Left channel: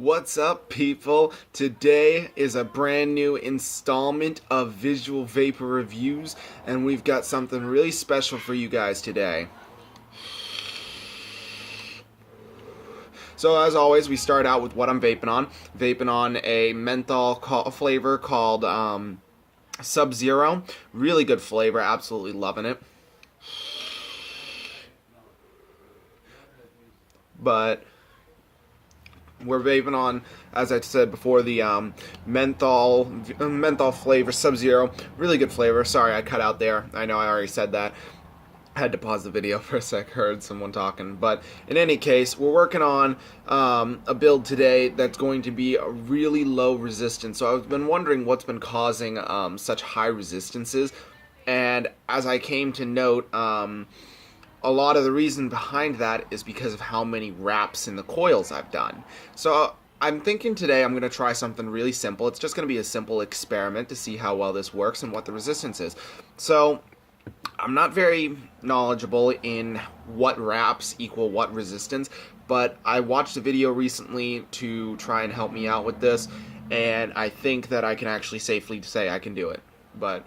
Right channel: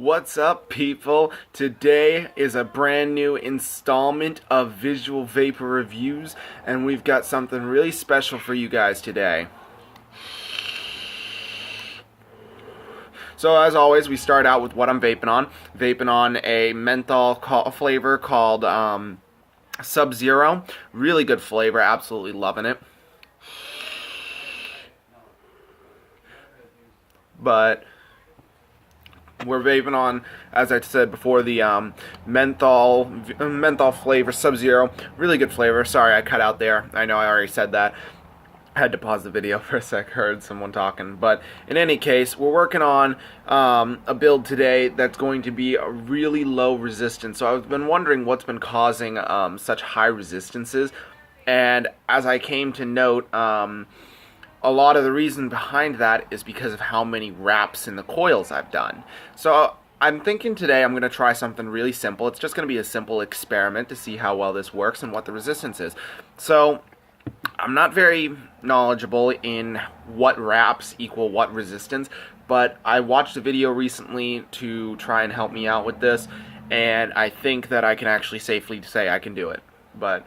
What's up, people? Today is a brand new installment of Visual Vapor Reviews, and we've got something really special for you guys today. So as always, we start out with what I'm vaping on. Vaping on a menthol flavor called Sub-Zero. Really good flavor, absolutely loving it. But we're vaping on, as I said before, the menthol flavor, Sub-Zero. Really good flavor. Sorry, I cut out there. I know I already said that. I had to pause the video for a sec, heard someone talking. But in any case, we're working on a build today that's going to be a really low resistance. So I've been wondering what's been causing such high resistances. And as I came to note, a lot of the reason behind that is because of how many wraps in the coils I've done. So I'm thinking today I'm going to try something really simple. It's just going to be a simple experiment to see how well this works and what the resistance is. So I'm not very knowledgeable in what wraps equal what resistance, but I watched a video recently to try and help me out with this, and I think that I can actually safely say I can do it. But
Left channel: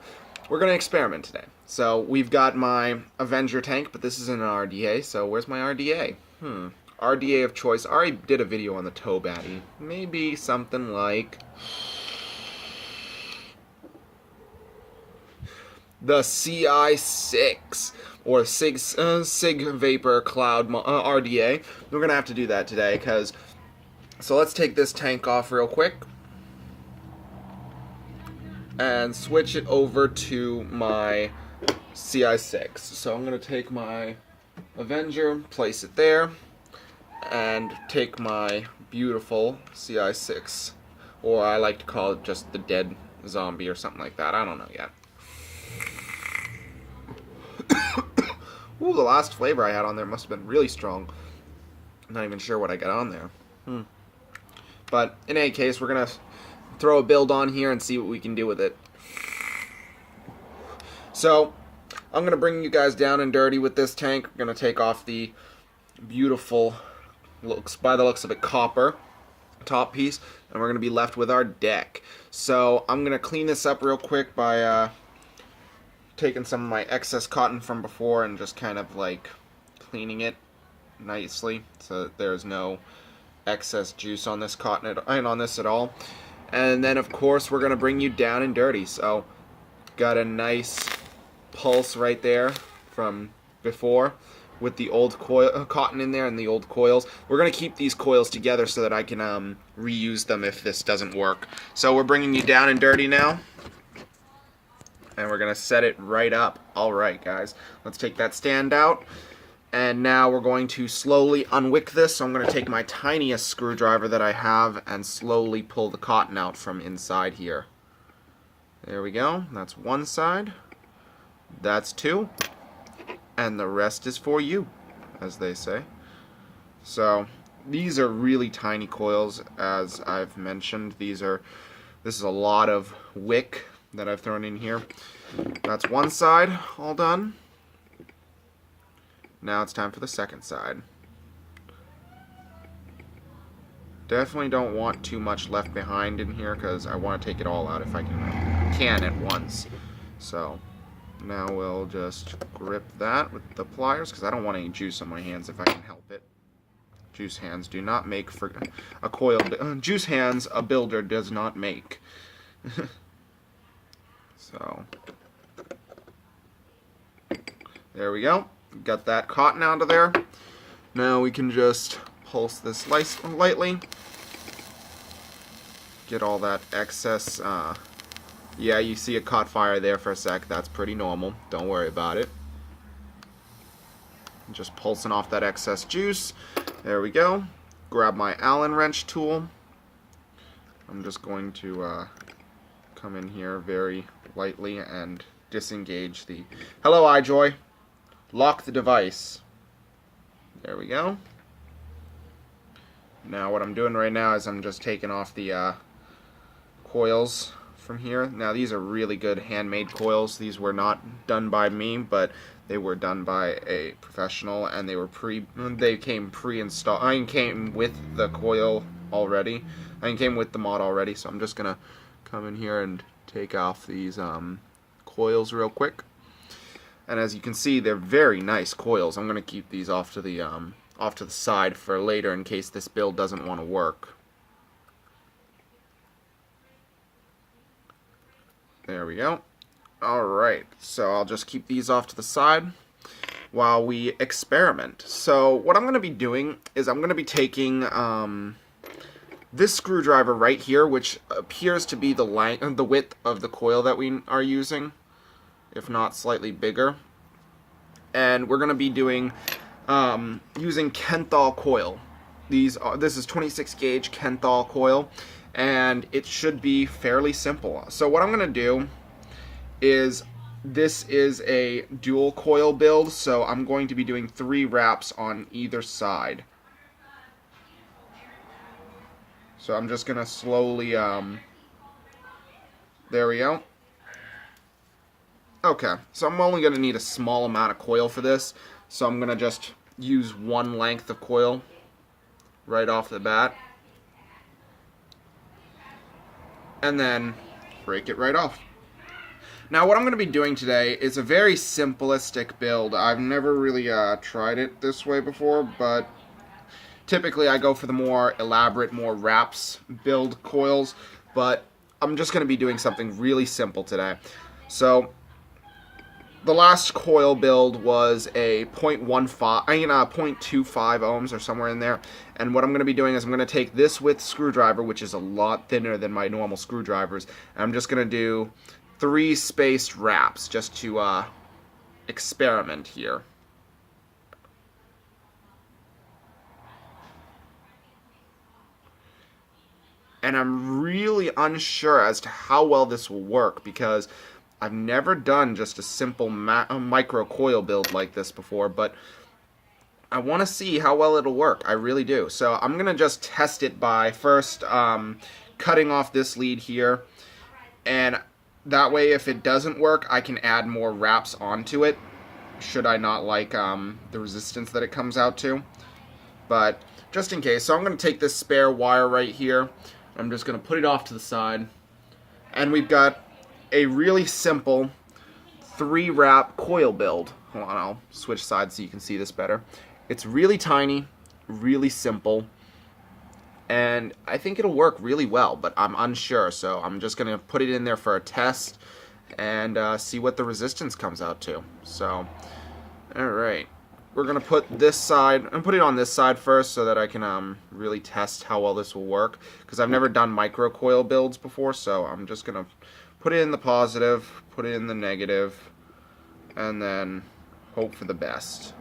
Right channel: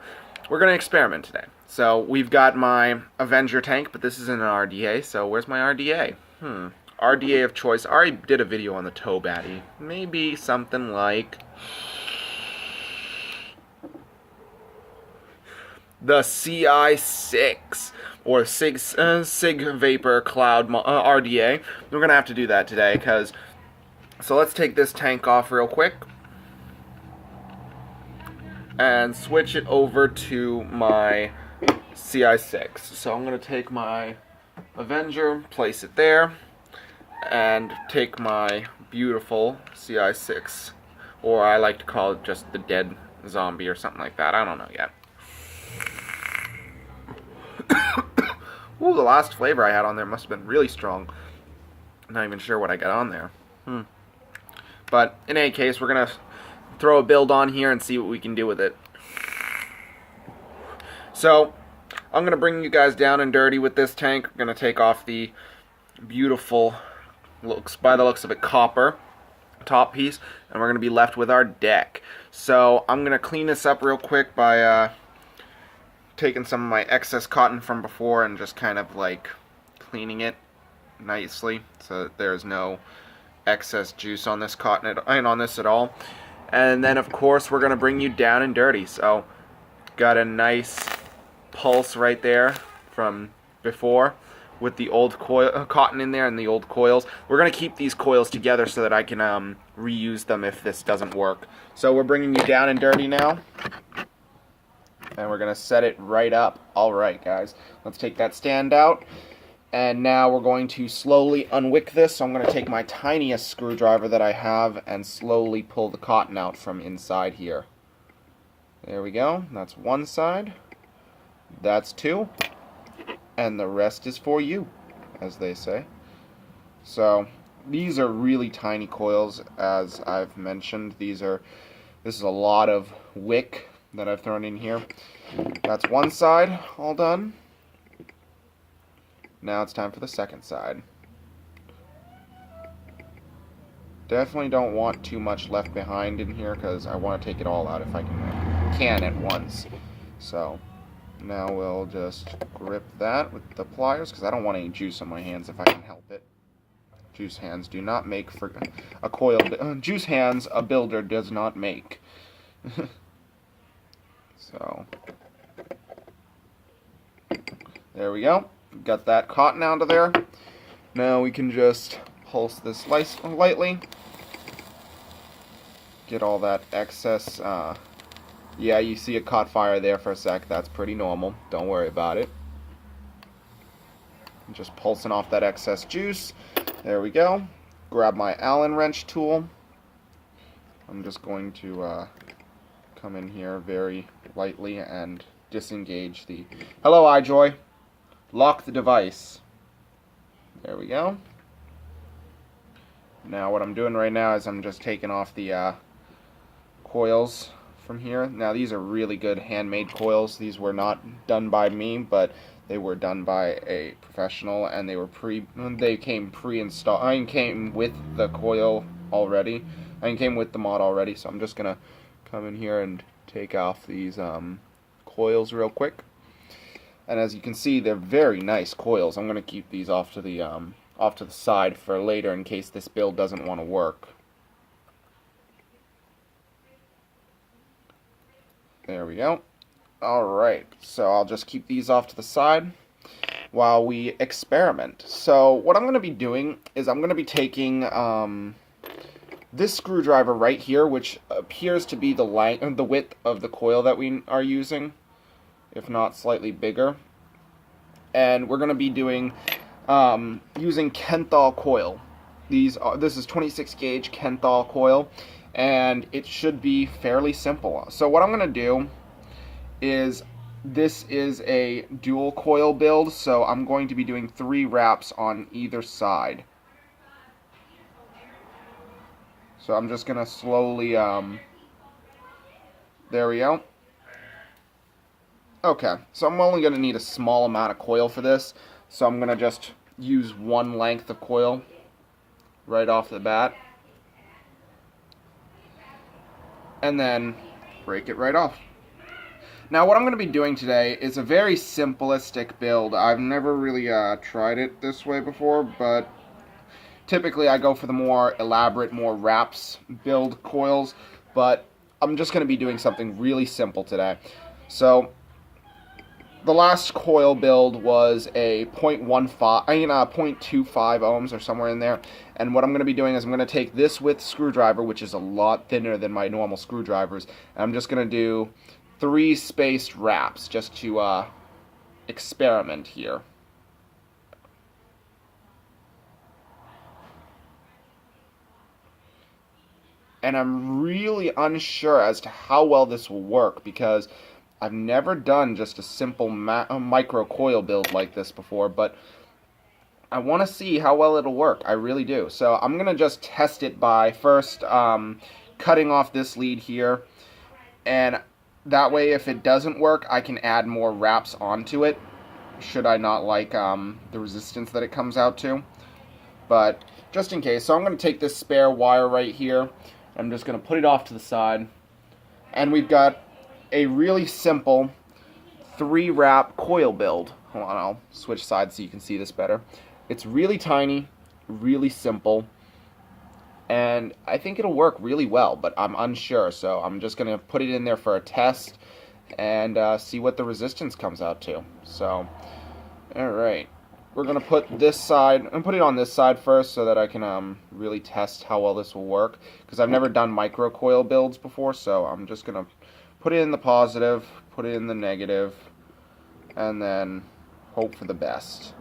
we're going to experiment today. So we've got my Avenger tank, but this isn't an RDA, so where's my RDA? RDA of choice. I already did a video on the toe batty. Maybe something like the CI6 or Sig Vapor Cloud RDA. We're going to have to do that today, so let's take this tank off real quick and switch it over to my CI6. So I'm going to take my Avenger, place it there, and take my beautiful CI6, or I like to call it just the dead zombie or something like that. I don't know yet. Ooh, the last flavor I had on there must have been really strong. I'm not even sure what I got on there. But in any case, we're going to throw a build on here and see what we can do with it. So I'm going to bring you guys down and dirty with this tank. We're going to take off the beautiful, by the looks of it, copper top piece, and we're going to be left with our deck. So I'm going to clean this up real quick by taking some of my excess cotton from before and just kind of like cleaning it nicely so that there's no excess juice on this cotton on this at all. And then of course we're going to bring you down and dirty. So got a nice pulse right there from before with the old cotton in there and the old coils. We're going to keep these coils together so that I can reuse them if this doesn't work. So we're bringing you down and dirty now, and we're going to set it right up. Alright guys, let's take that stand out, and now we're going to slowly unwick this. So I'm going to take my tiniest screwdriver that I have and slowly pull the cotton out from inside here. There we go, that's one side. That's two, and the rest is for you, as they say. So these are really tiny coils, as I've mentioned. This is a lot of wick that I've thrown in here. That's one side all done. Now it's time for the second side. Definitely don't want too much left behind in here because I want to take it all out if I can at once. So now we'll just grip that with the pliers because I don't want any juice on my hands if I can help it. Juice hands do not make for a coil. Juice hands a builder does not make. So there we go. Got that cotton out of there. Now we can just pulse this lightly. Get all that excess. Yeah, you see it caught fire there for a sec. That's pretty normal. Don't worry about it. Just pulsing off that excess juice. There we go. Grab my Allen wrench tool. I'm just going to come in here very lightly and disengage the... Hello, iJoy. Lock the device. There we go. Now what I'm doing right now is I'm just taking off the coils from here. Now these are really good handmade coils. These were not done by me, but they were done by a professional, and they came pre-installed. I came with the coil already. It came with the mod already, so I'm just gonna come in here and take off these coils real quick. And as you can see, they're very nice coils. I'm gonna keep these off to the side for later in case this build doesn't want to work. There we go. Alright, so I'll just keep these off to the side while we experiment. So what I'm going to be doing is I'm going to be taking this screwdriver right here, which appears to be the width of the coil that we are using, if not slightly bigger. And we're going to be doing using Kenthal coil. This is 26 gauge Kenthal coil, and it should be fairly simple. So what I'm going to do is, this is a dual coil build, so I'm going to be doing 3 wraps on either side. So I'm just going to slowly, there we go. Okay, so I'm only going to need a small amount of coil for this, so I'm going to just use 1 length of coil right off the bat. And then break it right off. Now what I'm going to be doing today is a very simplistic build. I've never really tried it this way before, but typically I go for the more elaborate, more wraps build coils, but I'm just going to be doing something really simple today. So the last coil build was a 0.25 ohms or somewhere in there, and what I'm going to be doing is I'm going to take this width screwdriver, which is a lot thinner than my normal screwdrivers, and I'm just going to do 3 spaced wraps just to experiment here. And I'm really unsure as to how well this will work, because I've never done just a simple micro coil build like this before, but I want to see how well it'll work. I really do. So I'm going to just test it by first cutting off this lead here, and that way if it doesn't work I can add more wraps onto it, should I not like the resistance that it comes out to. But just in case, so I'm going to take this spare wire right here, I'm just going to put it off to the side, and we've got a really simple 3 wrap coil build. Hold on, I'll switch sides so you can see this better. It's really tiny, really simple, and I think it'll work really well, but I'm unsure, so I'm just going to put it in there for a test and see what the resistance comes out to. So, alright, we're going to put this side, and put it on this side first so that I can really test how well this will work, because I've never done micro coil builds before, so I'm just going to put it in the positive, put it in the negative, and then hope for the best.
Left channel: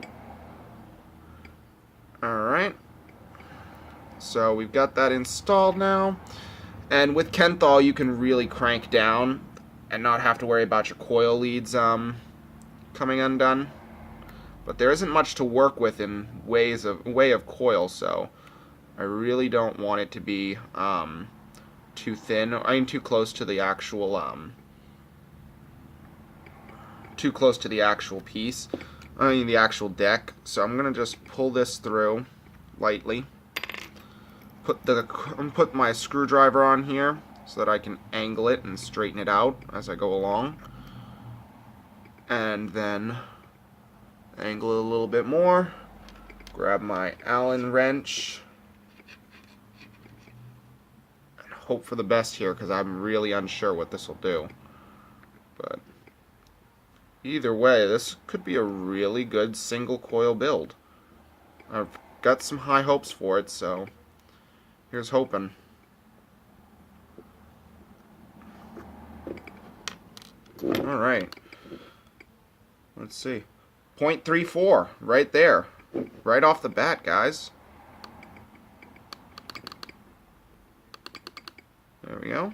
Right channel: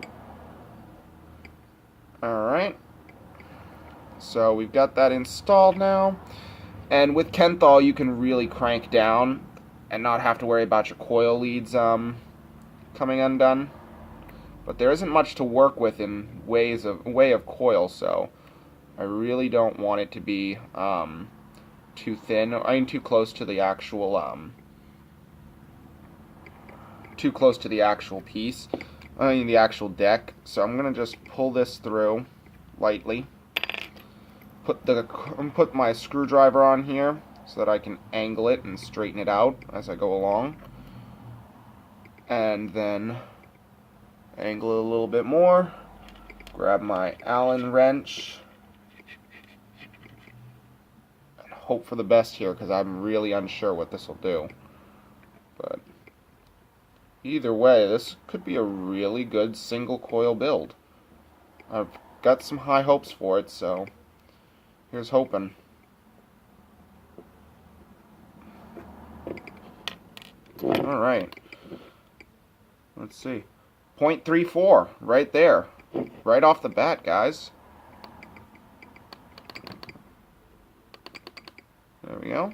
Alright, so we've got that installed now, and with Kenthal you can really crank down and not have to worry about your coil leads coming undone. But there isn't much to work with in way of coil, so I really don't want it to be too thin. I mean, too close to the actual piece. I mean, the actual deck. So I'm gonna just pull this through lightly. Put my screwdriver on here so that I can angle it and straighten it out as I go along, and then angle it a little bit more. Grab my Allen wrench. Hope for the best here, because I'm really unsure what this will do. But either way, this could be a really good single coil build. I've got some high hopes for it, so here's hoping. Alright, let's see. 0.34 right there, right off the bat, guys. There we go.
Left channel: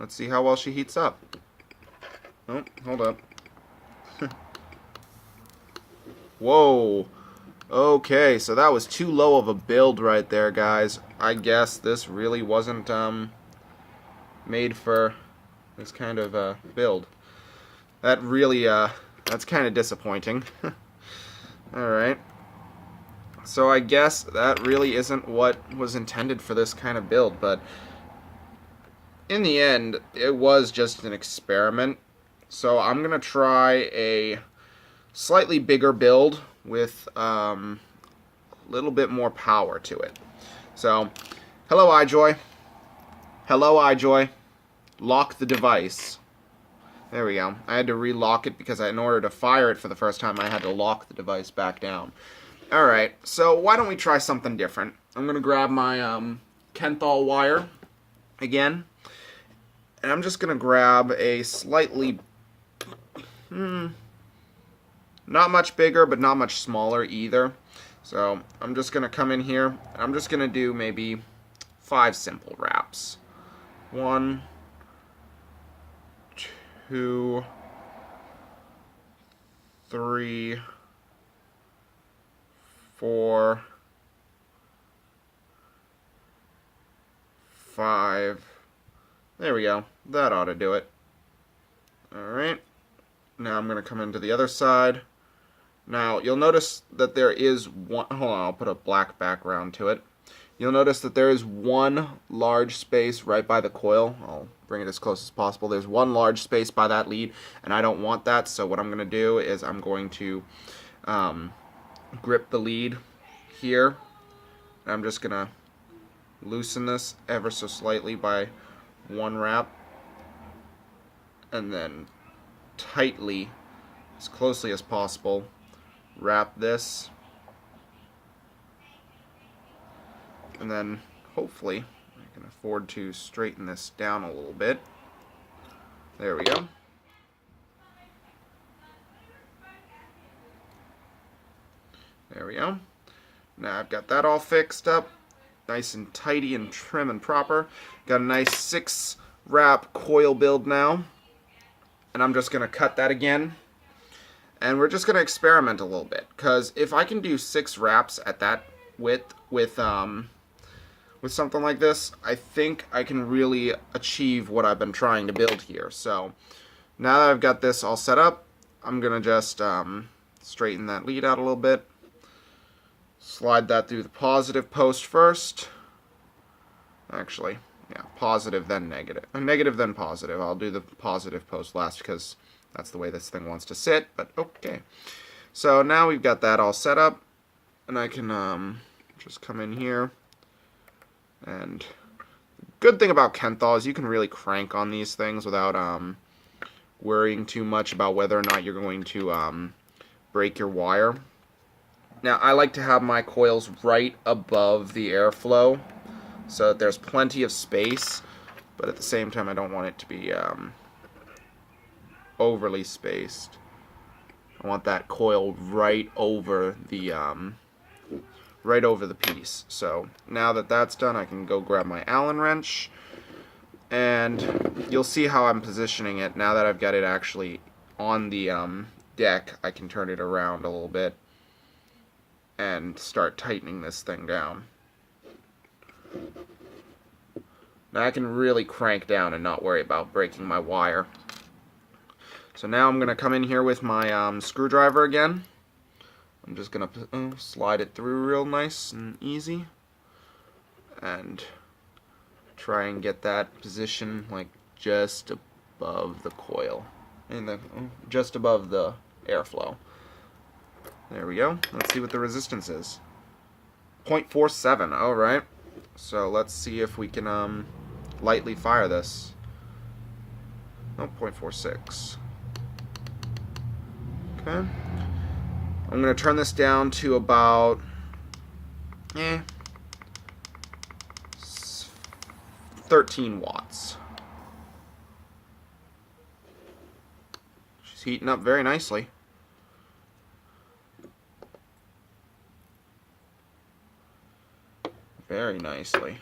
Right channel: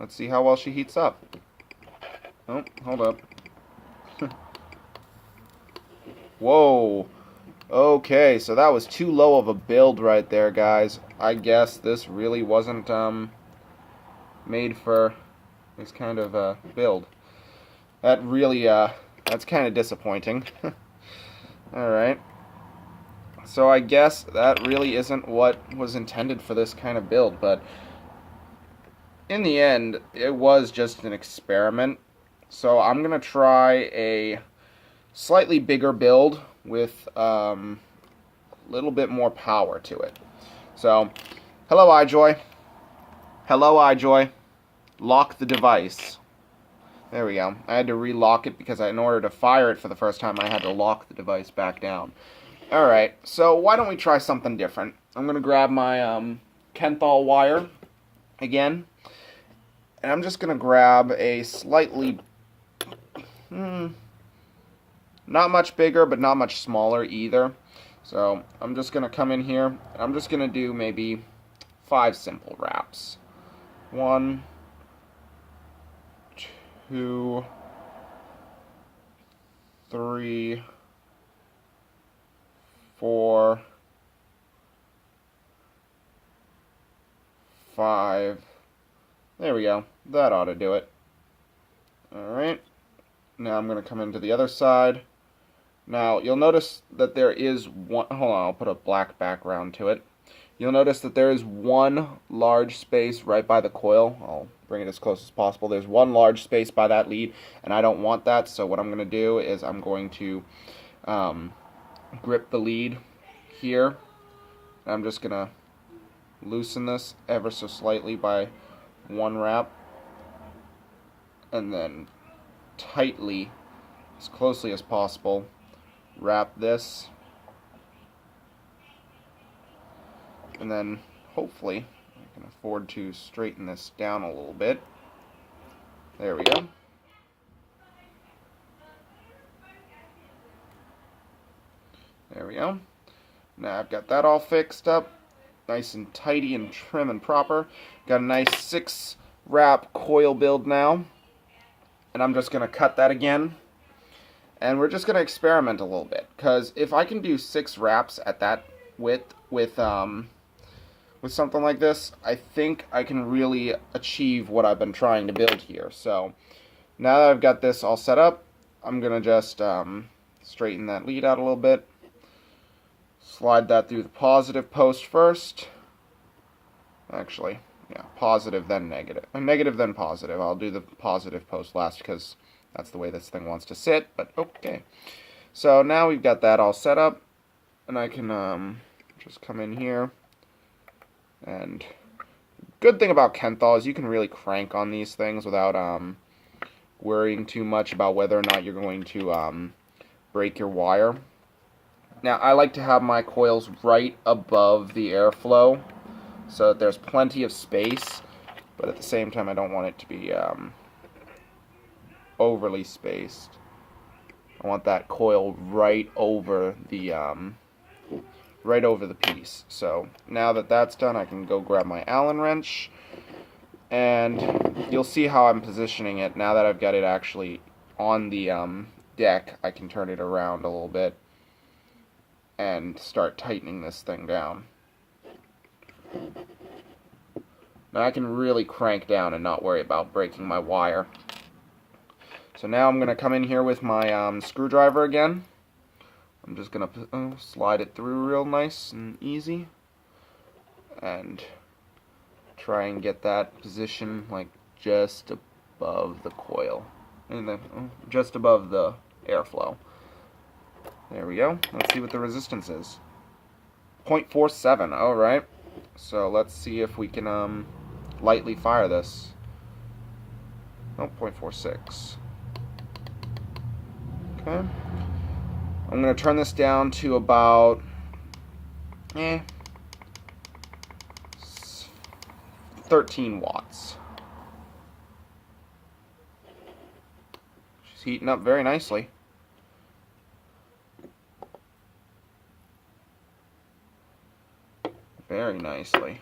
Let's see how well she heats up. Oh, hold up. Whoa. Okay, so that was too low of a build right there, guys. I guess this really wasn't made for this kind of build. That really, that's kind of disappointing. Alright. So I guess that really isn't what was intended for this kind of build, but in the end, it was just an experiment. So I'm going to try a slightly bigger build with a little bit more power to it. So, hello iJoy. Hello iJoy. Lock the device. There we go. I had to relock it because in order to fire it for the first time, I had to lock the device back down. Alright, so why don't we try something different? I'm going to grab my Kenthal wire again. And I'm just going to grab a slightly, not much bigger, but not much smaller either. So I'm just going to come in here, and I'm just going to do maybe 5 simple wraps. 1, 2, 3, 4, 5. There we go. That ought to do it. Alright. Now I'm going to come into the other side. Now, you'll notice that there is one... Hold on, I'll put a black background to it. You'll notice that there is one large space right by the coil. I'll bring it as close as possible. There's one large space by that lead, and I don't want that, so what I'm going to do is I'm going to grip the lead here. I'm just going to loosen this ever so slightly by 1 wrap, and then tightly, as closely as possible, wrap this, and then hopefully I can afford to straighten this down a little bit. There we go. There we go. Now I've got that all fixed up, nice and tidy and trim and proper. Got a nice 6 wrap coil build now, and I'm just going to cut that again. And we're just going to experiment a little bit, because if I can do 6 wraps at that width with something like this, I think I can really achieve what I've been trying to build here. So now that I've got this all set up, I'm going to just straighten that lead out a little bit. Slide that through the positive post first. Actually, yeah, positive then negative. Negative then positive. I'll do the positive post last because that's the way this thing wants to sit, but okay. So now we've got that all set up, and I can just come in here. And the good thing about Kenthal is you can really crank on these things without worrying too much about whether or not you're going to break your wire. Now, I like to have my coils right above the airflow so that there's plenty of space, but at the same time I don't want it to be overly spaced. I want that coil right over the piece. So now that that's done, I can go grab my Allen wrench, and you'll see how I'm positioning it. Now that I've got it actually on the deck, I can turn it around a little bit and start tightening this thing down. Now I can really crank down and not worry about breaking my wire. So now I'm going to come in here with my screwdriver again. I'm just going to slide it through real nice and easy. And try and get that position like just above the coil. And then just above the airflow. There we go. Let's see what the resistance is. 0.47. Alright. So let's see if we can lightly fire this. No, 0.46. Okay. I'm going to turn this down to about 13 watts. She's heating up very nicely. Very nicely.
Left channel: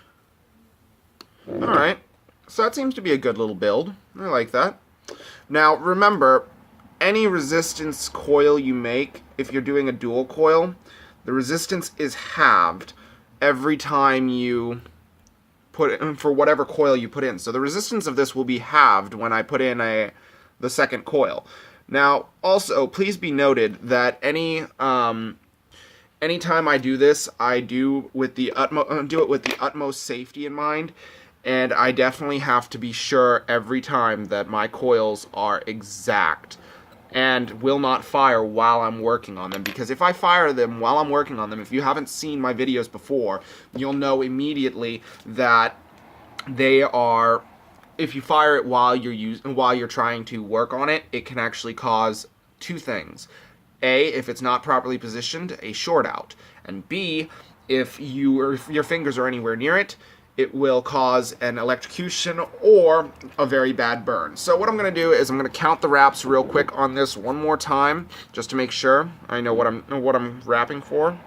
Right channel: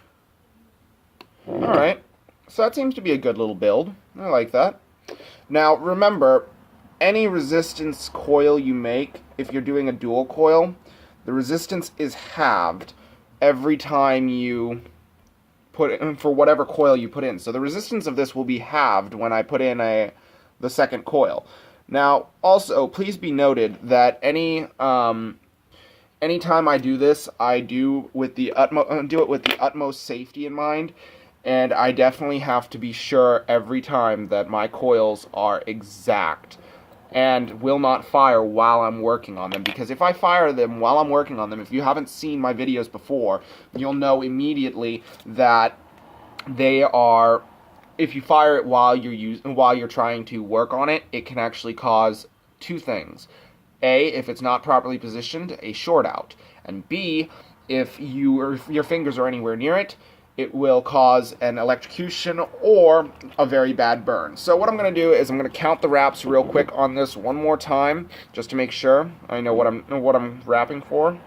Alright, so that seems to be a good little build. I like that. Now, remember, any resistance coil you make, if you're doing a dual coil, the resistance is halved every time you put it in, for whatever coil you put in. So the resistance of this will be halved when I put in the second coil. Now, also, please be noted that any anytime I do this, I do with the utmost safety in mind, and I definitely have to be sure every time that my coils are exact and will not fire while I'm working on them, because if I fire them while I'm working on them, if you haven't seen my videos before, you'll know immediately that they are, if you fire it while you're trying to work on it, it can actually cause two things. A, if it's not properly positioned, a short out. And B, if your fingers are anywhere near it, it will cause an electrocution or a very bad burn. So what I'm going to do is I'm going to count the wraps real quick on this one more time, just to make sure I know what I'm wrapping for.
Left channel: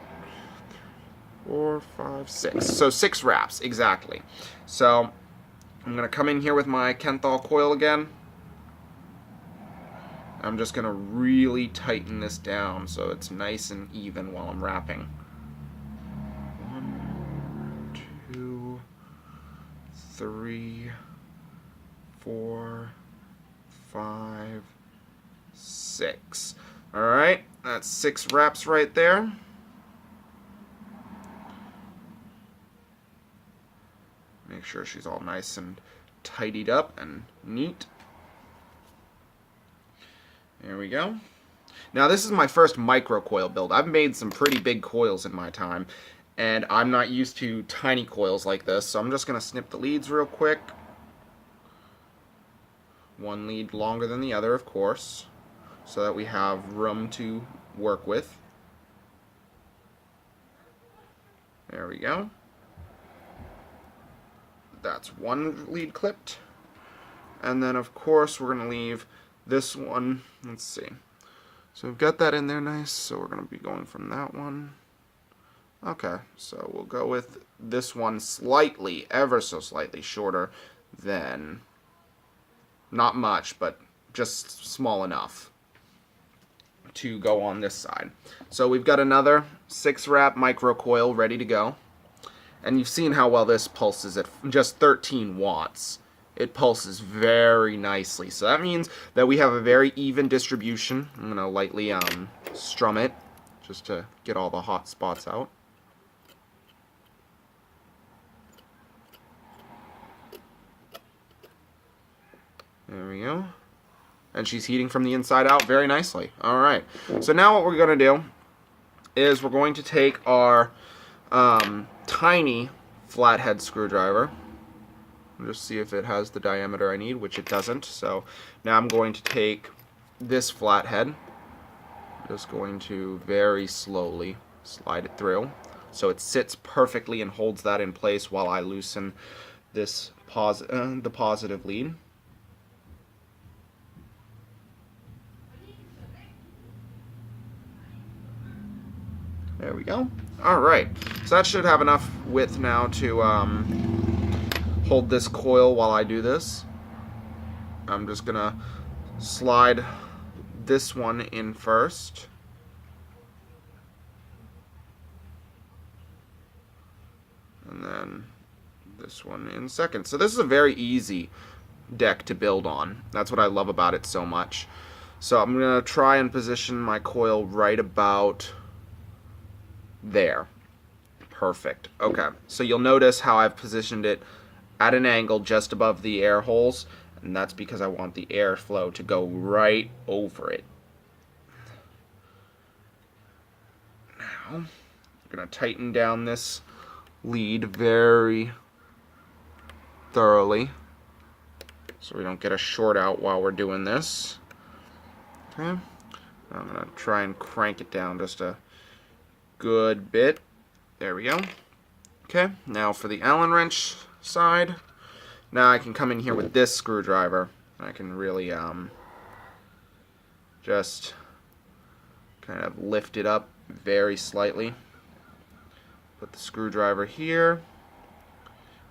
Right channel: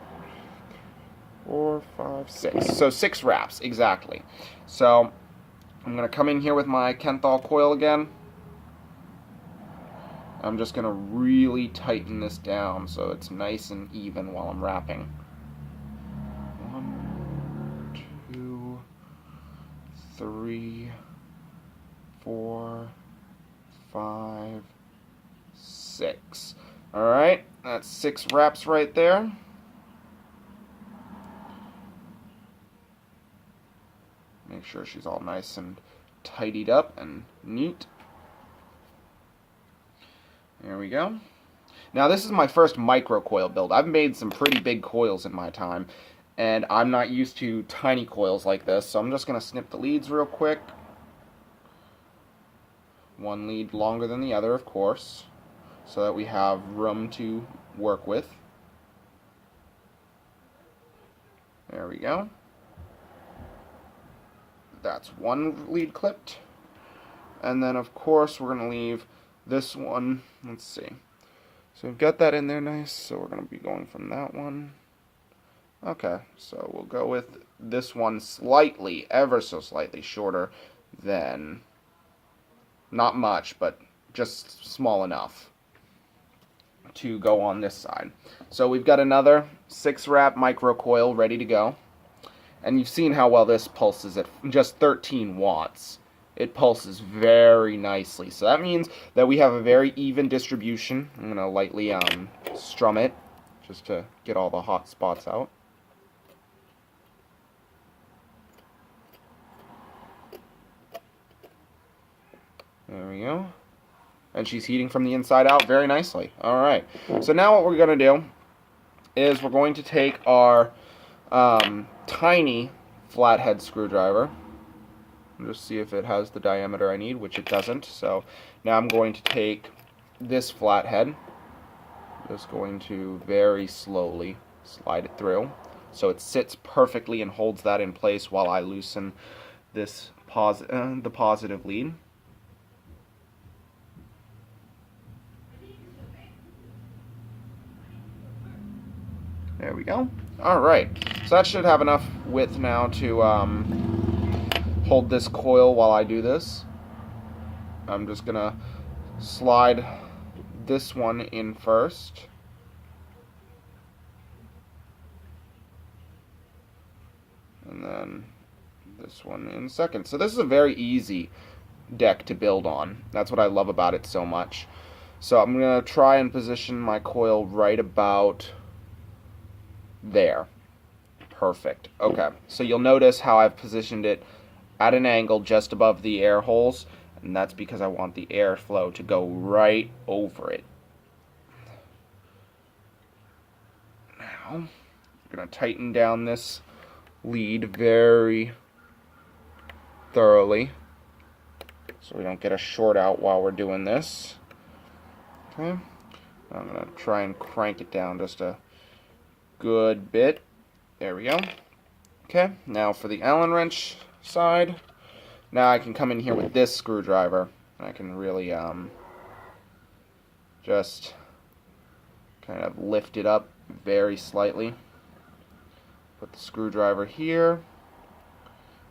4, 5, 6. So 6 wraps, exactly. So I'm going to come in here with my Kenthal coil again. I'm just going to really tighten this down so it's nice and even while I'm wrapping. 1, 2, 3, 4, 5, 6. Alright, that's 6 wraps right there. Make sure she's all nice and tidied up and neat. There we go. Now this is my first micro coil build. I've made some pretty big coils in my time, and I'm not used to tiny coils like this, so I'm just going to snip the leads real quick. One lead longer than the other, of course, so that we have room to work with. There we go. That's one lead clipped. And then, of course, we're going to leave this one. Let's see. So we've got that in there nice, so we're going to be going from that one. Okay, so we'll go with this one slightly, ever so slightly shorter than, not much, but just small enough to go on this side. So we've got another 6-wrap micro coil ready to go. And you've seen how well this pulses at just 13 watts. It pulses very nicely. So that means that we have a very even distribution. I'm going to lightly strum it just to get all the hot spots out. There we go. And she's heating from the inside out very nicely. Alright. So now what we're going to do is we're going to take our tiny flathead screwdriver and just see if it has the diameter I need, which it doesn't. So now I'm going to take this flathead, just going to very slowly slide it through so it sits perfectly and holds that in place while I loosen this the positive lead. There we go. Alright, so that should have enough width now to hold this coil while I do this. I'm just going to slide this one in first. And then this one in second. So this is a very easy deck to build on. That's what I love about it so much. So I'm going to try and position my coil right about there. Perfect. Okay, so you'll notice how I've positioned it at an angle just above the air holes, and that's because I want the airflow to go right over it. Now, I'm going to tighten down this lead very thoroughly so we don't get a short out while we're doing this. Okay, I'm going to try and crank it down just a good bit. There we go. Okay, now for the Allen wrench side. Now I can come in here with this screwdriver. I can really just kind of lift it up very slightly. Put the screwdriver here.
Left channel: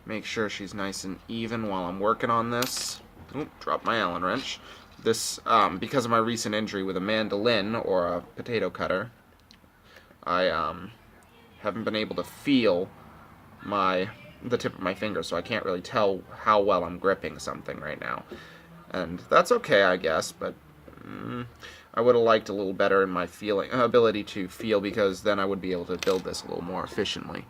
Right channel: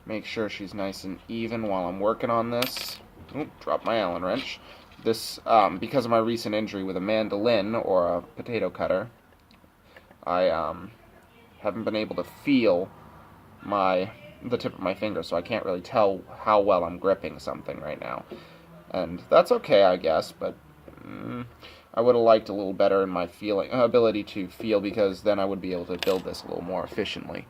Make sure she's nice and even while I'm working on this. Oop, drop my Allen wrench. This, because of my recent injury with a mandolin or a potato cutter, I haven't been able to feel the tip of my finger, so I can't really tell how well I'm gripping something right now. And that's okay, I guess, but I would have liked a little better in my ability to feel, because then I would be able to build this a little more efficiently.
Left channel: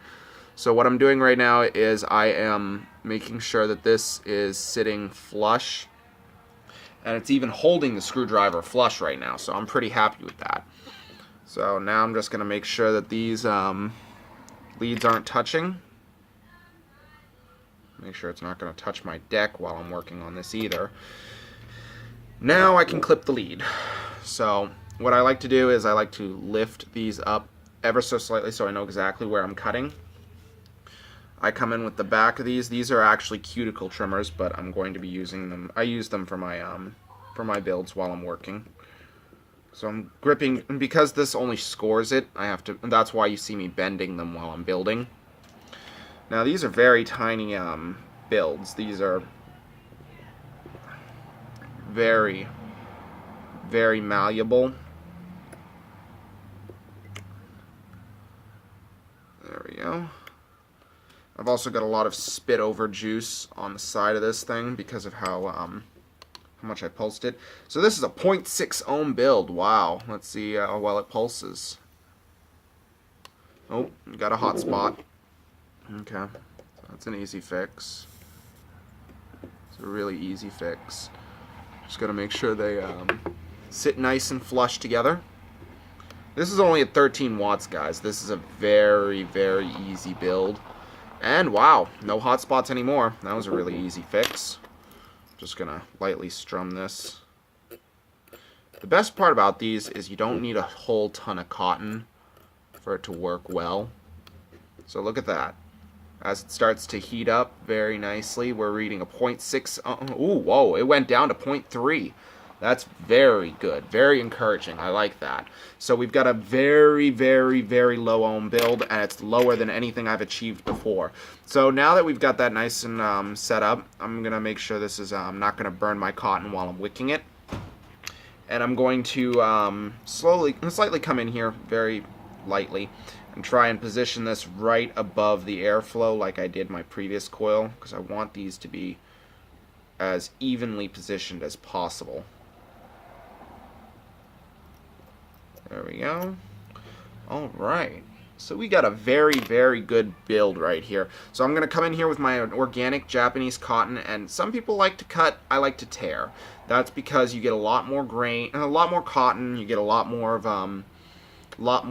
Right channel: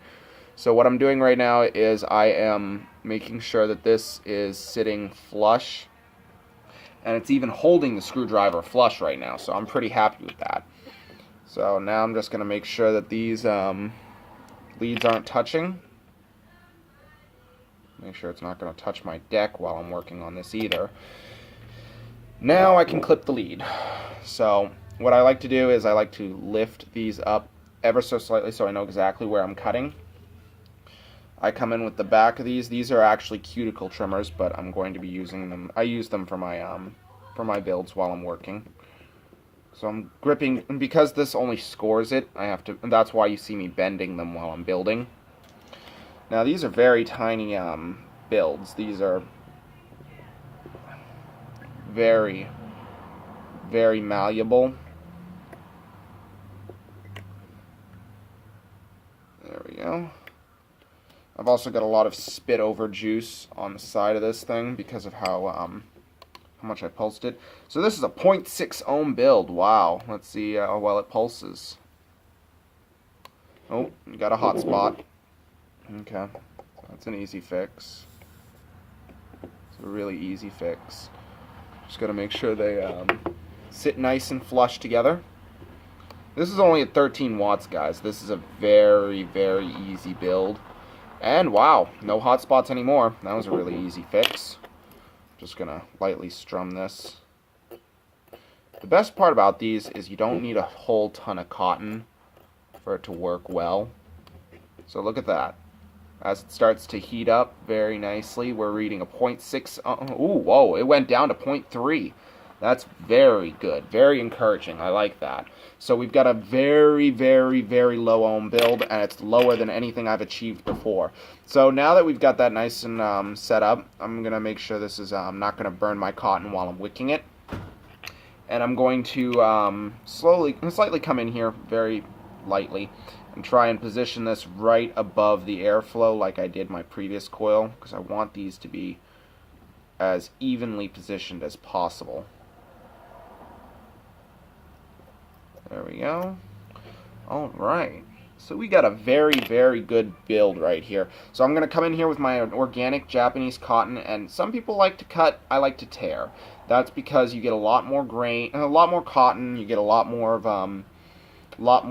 So what I'm doing right now is I am making sure that this is sitting flush, and it's even holding the screwdriver flush right now, so I'm pretty happy with that. So now I'm just going to make sure that these leads aren't touching. Make sure it's not going to touch my deck while I'm working on this either. Now I can clip the lead. So what I like to do is I like to lift these up ever so slightly so I know exactly where I'm cutting. I come in with the back of these. These are actually cuticle trimmers, but I'm going to be using them. I use them for my builds while I'm working. So I'm gripping, and because this only scores it, I have to. That's why you see me bending them while I'm building. Now these are very tiny builds. These are very, very malleable. There we go. I've also got a lot of spit over juice on the side of this thing because of how much I pulsed it. So this is a 0.6 ohm build. Wow. Let's see how well it pulses. Oh, got a hot spot. Okay. That's an easy fix. It's a really easy fix. Just got to make sure they sit nice and flush together. This is only at 13 watts, guys. This is a very, very easy build. And wow, no hot spots anymore. That was a really easy fix. Just gonna lightly strum this. The best part about these is you don't need a whole ton of cotton for it to work well. So look at that. As it starts to heat up very nicely, we're reading a 0.6. Ooh, whoa, it went down to 0.3. That's very good, very encouraging. I like that. So we've got a very, very, very low ohm build, and it's lower than anything I've achieved before. So now that we've got that nice and set up, I'm going to make sure this is not going to burn my cotton while I'm wicking it. And I'm going to slightly come in here very lightly and try and position this right above the airflow like I did my previous coil, because I want these to be as evenly positioned as possible. There we go. Alright. So we got a very, very good build right here. So I'm going to come in here with my organic Japanese cotton, and some people like to cut, I like to tear. That's because you get a lot more grain, a lot more cotton, you get a lot more of, a lot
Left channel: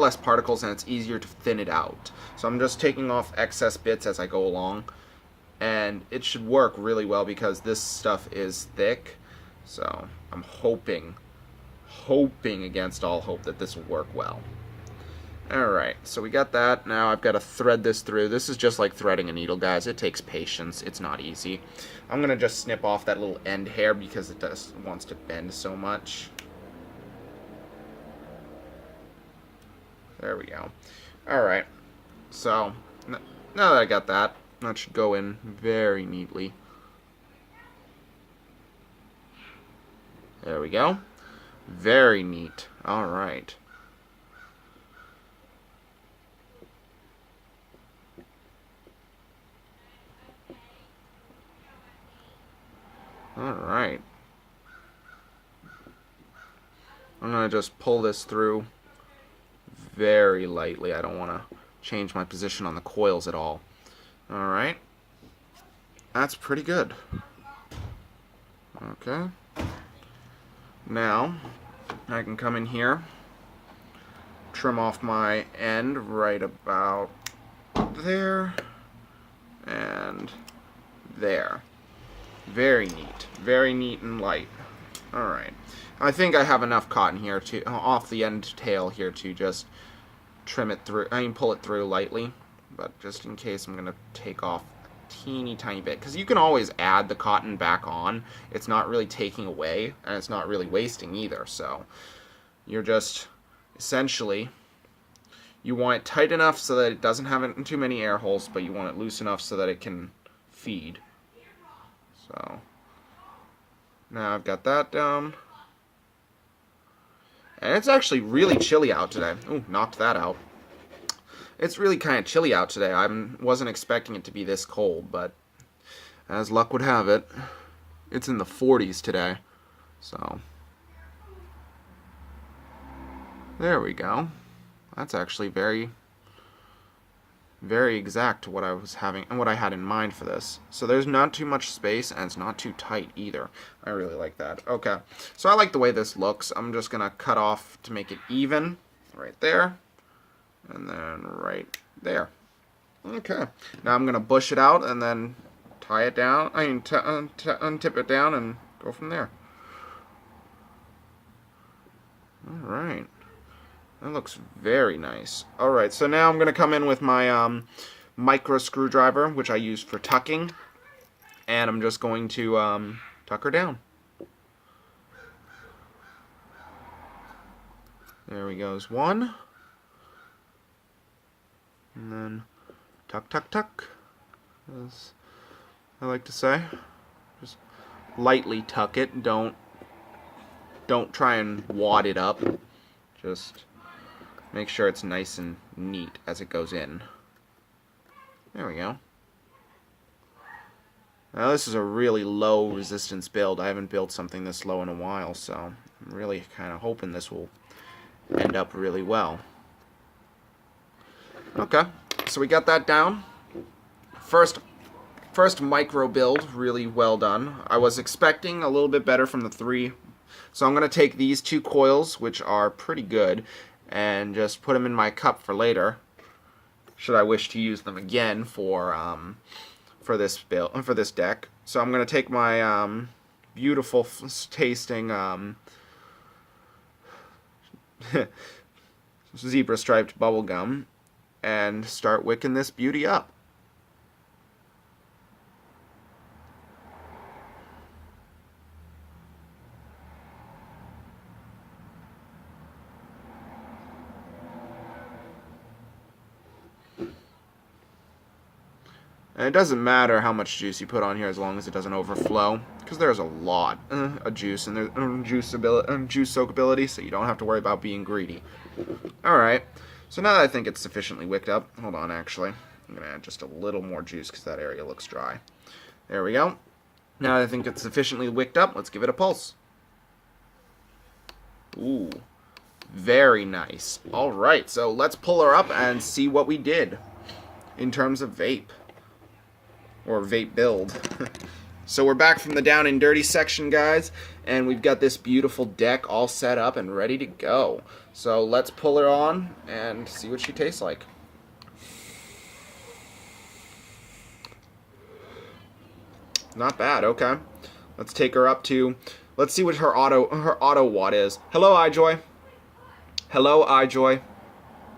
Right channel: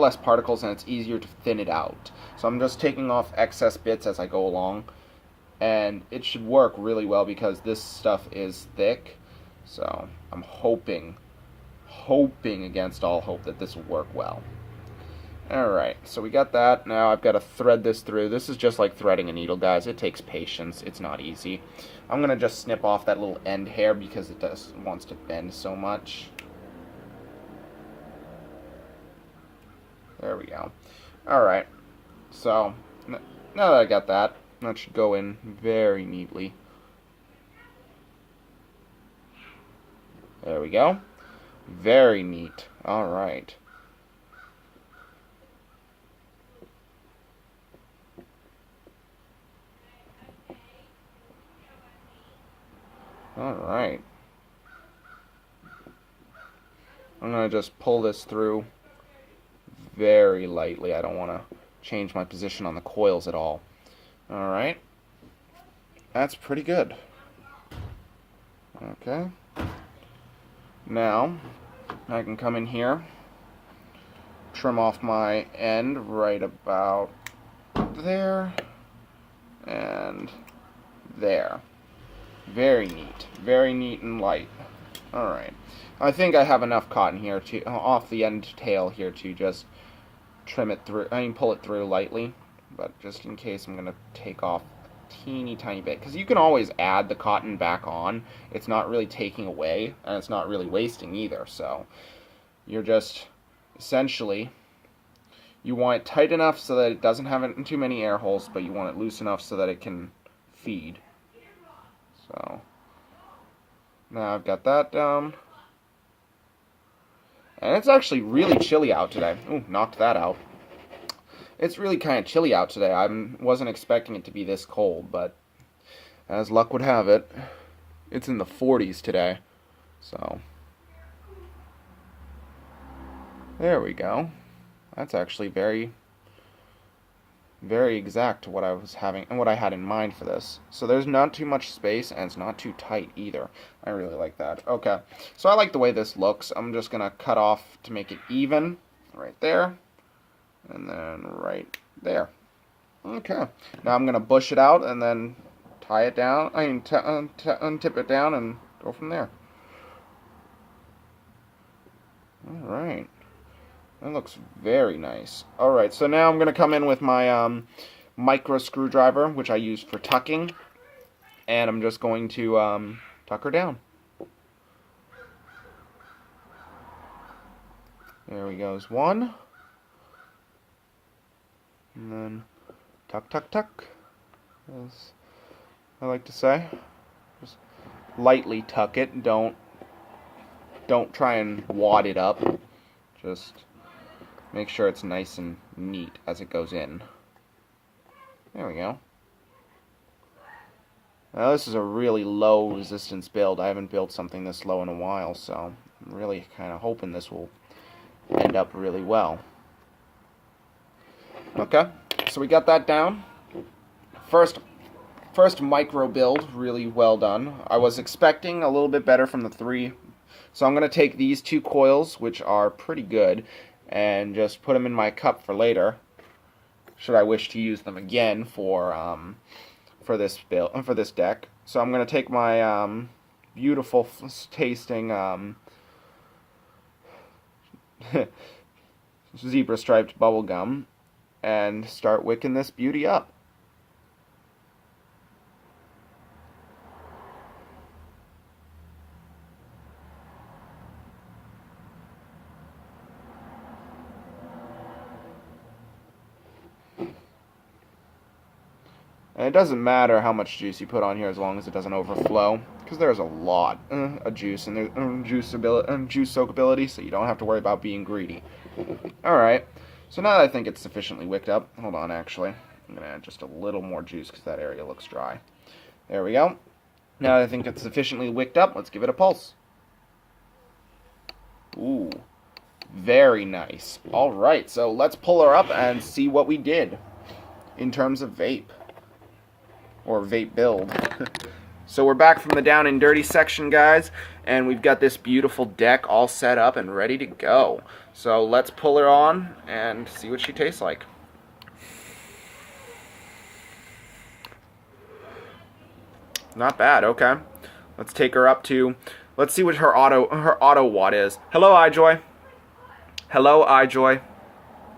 less particles, and it's easier to thin it out. So I'm just taking off excess bits as I go along, and it should work really well because this stuff is thick. So I'm hoping against all hope that this will work well. Alright, so we got that. Now I've got to thread this through. This is just like threading a needle, guys. It takes patience. It's not easy. I'm going to just snip off that little end hair because it wants to bend so much. There we go. Alright, so now that I got that, that should go in very neatly. There we go. Very neat. Alright. Alright. I'm going to just pull this through very lightly. I don't want to change my position on the coils at all. Alright. That's pretty good. Okay. Now, I can come in here, trim off my end right about there, and there. Very neat and light. Alright. I think I have enough cotton here to, off the end tail here to just trim it through, pull it through lightly, but just in case I'm going to take off teeny tiny bit, because you can always add the cotton back on. It's not really taking away, and it's not really wasting either. So you're just essentially, you want it tight enough so that it doesn't have too many air holes, but you want it loose enough so that it can feed. So now I've got that down, and it's actually really chilly out today. Ooh, knocked that out. It's really kind of chilly out today. I wasn't expecting it to be this cold, but as luck would have it, it's in the 40s today. So there we go. That's actually very, very exact to what I was having and what I had in mind for this. So there's not too much space and it's not too tight either. I really like that. Okay, so I like the way this looks. I'm just gonna cut off to make it even right there and then right there. Okay, now I'm gonna bush it out and then tie it down. Untip it down and go from there. All right. That looks very nice. Alright, so now I'm going to come in with my micro screwdriver, which I use for tucking. And I'm just going to tuck her down. There we goes one. And then tuck, tuck, tuck, as I like to say. Just lightly tuck it. Don't try and wad it up. Just make sure it's nice and neat as it goes in. There we go. Now this is a really low resistance build. I haven't built something this low in a while, so I'm really kind of hoping this will end up really well. Okay, so we got that down. First micro build, really well done. I was expecting a little bit better from the 3. So I'm going to take these 2 coils, which are pretty good, and just put them in my cup for later, should I wish to use them again for this build, for this deck. So I'm going to take my beautiful tasting zebra striped bubble gum and start wicking this beauty up. And it doesn't matter how much juice you put on here as long as it doesn't overflow, because there's a lot of juice and there's juice soakability, so you don't have to worry about being greedy. Alright, so now that I think it's sufficiently wicked up, hold on actually, I'm going to add just a little more juice because that area looks dry. There we go. Now that I think it's sufficiently wicked up, let's give it a pulse. Ooh, very nice. Alright, so let's pull her up and see what we did in terms of vape. Or vape build. So we're back from the down and dirty section, guys, and we've got this beautiful deck all set up and ready to go. So let's pull her on and see what she tastes like. Not bad. Okay, let's take her up to. Let's see what her auto watt is. Hello, iJoy. Hello, iJoy.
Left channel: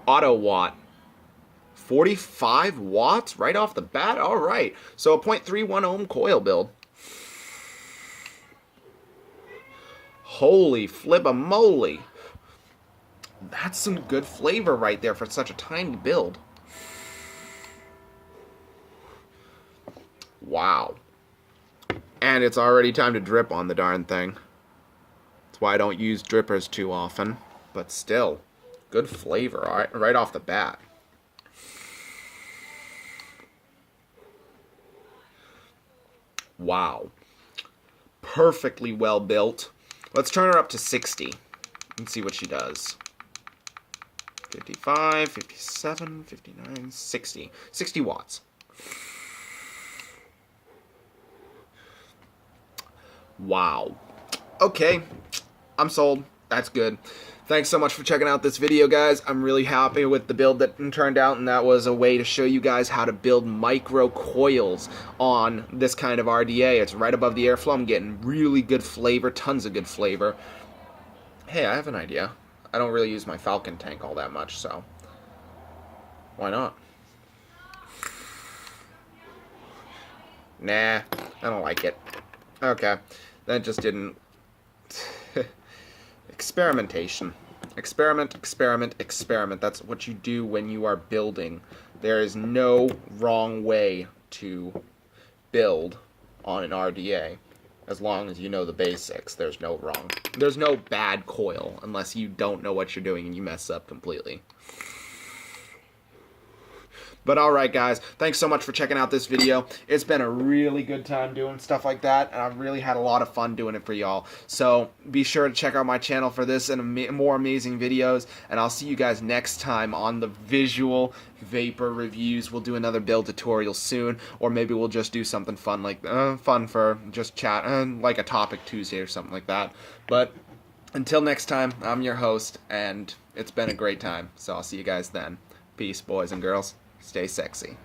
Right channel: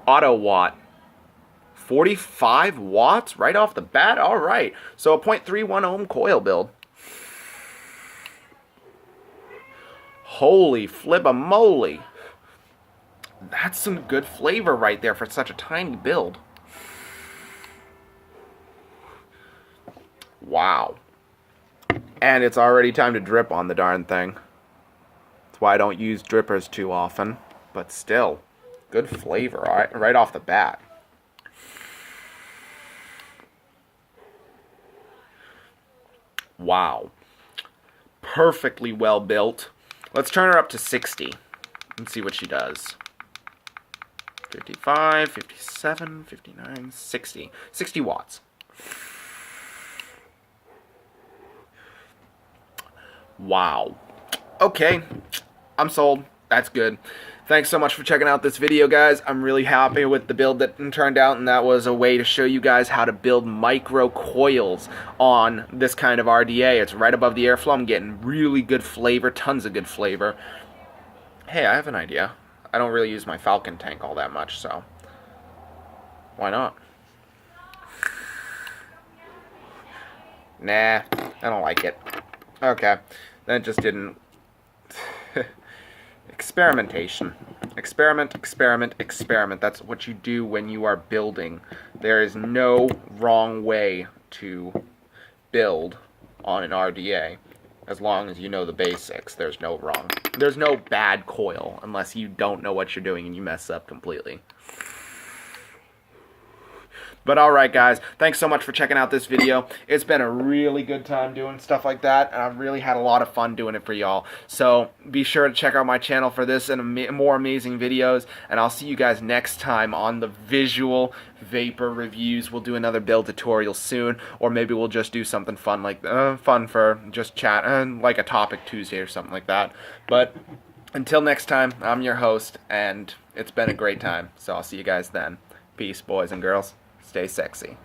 Auto watt. 45 watts right off the bat? Alright, so a 0.31 ohm coil build. Holy flip-a-moly. That's some good flavor right there for such a tiny build. Wow. And it's already time to drip on the darn thing. That's why I don't use drippers too often. But still, good flavor right off the bat. Wow. Perfectly well built. Let's turn her up to 60 and see what she does. 55, 57, 59, 60. 60 watts. Wow. Okay. I'm sold. That's good. Thanks so much for checking out this video, guys. I'm really happy with the build that turned out, and that was a way to show you guys how to build micro coils on this kind of RDA. It's right above the airflow. I'm getting really good flavor, tons of good flavor. Hey, I have an idea. I don't really use my Falcon tank all that much, so why not? Nah, I don't like it. Okay, that just didn't... Experimentation. Experiment, experiment, experiment. That's what you do when you are building. There is no wrong way to build on an RDA. As long as you know the basics, there's no wrong. There's no bad coil unless you don't know what you're doing and you mess up completely. But alright guys, thanks so much for checking out this video. It's been a really good time doing stuff like that, and I've really had a lot of fun doing it for y'all. So be sure to check out my channel for this and more amazing videos, and I'll see you guys next time on the visual vapor reviews. We'll do another build tutorial soon, or maybe we'll just do something fun like fun for just chat, like a topic Tuesday or something like that. But until next time, I'm your host, and it's been a great time. So I'll see you guys then. Peace, boys and girls. Stay sexy.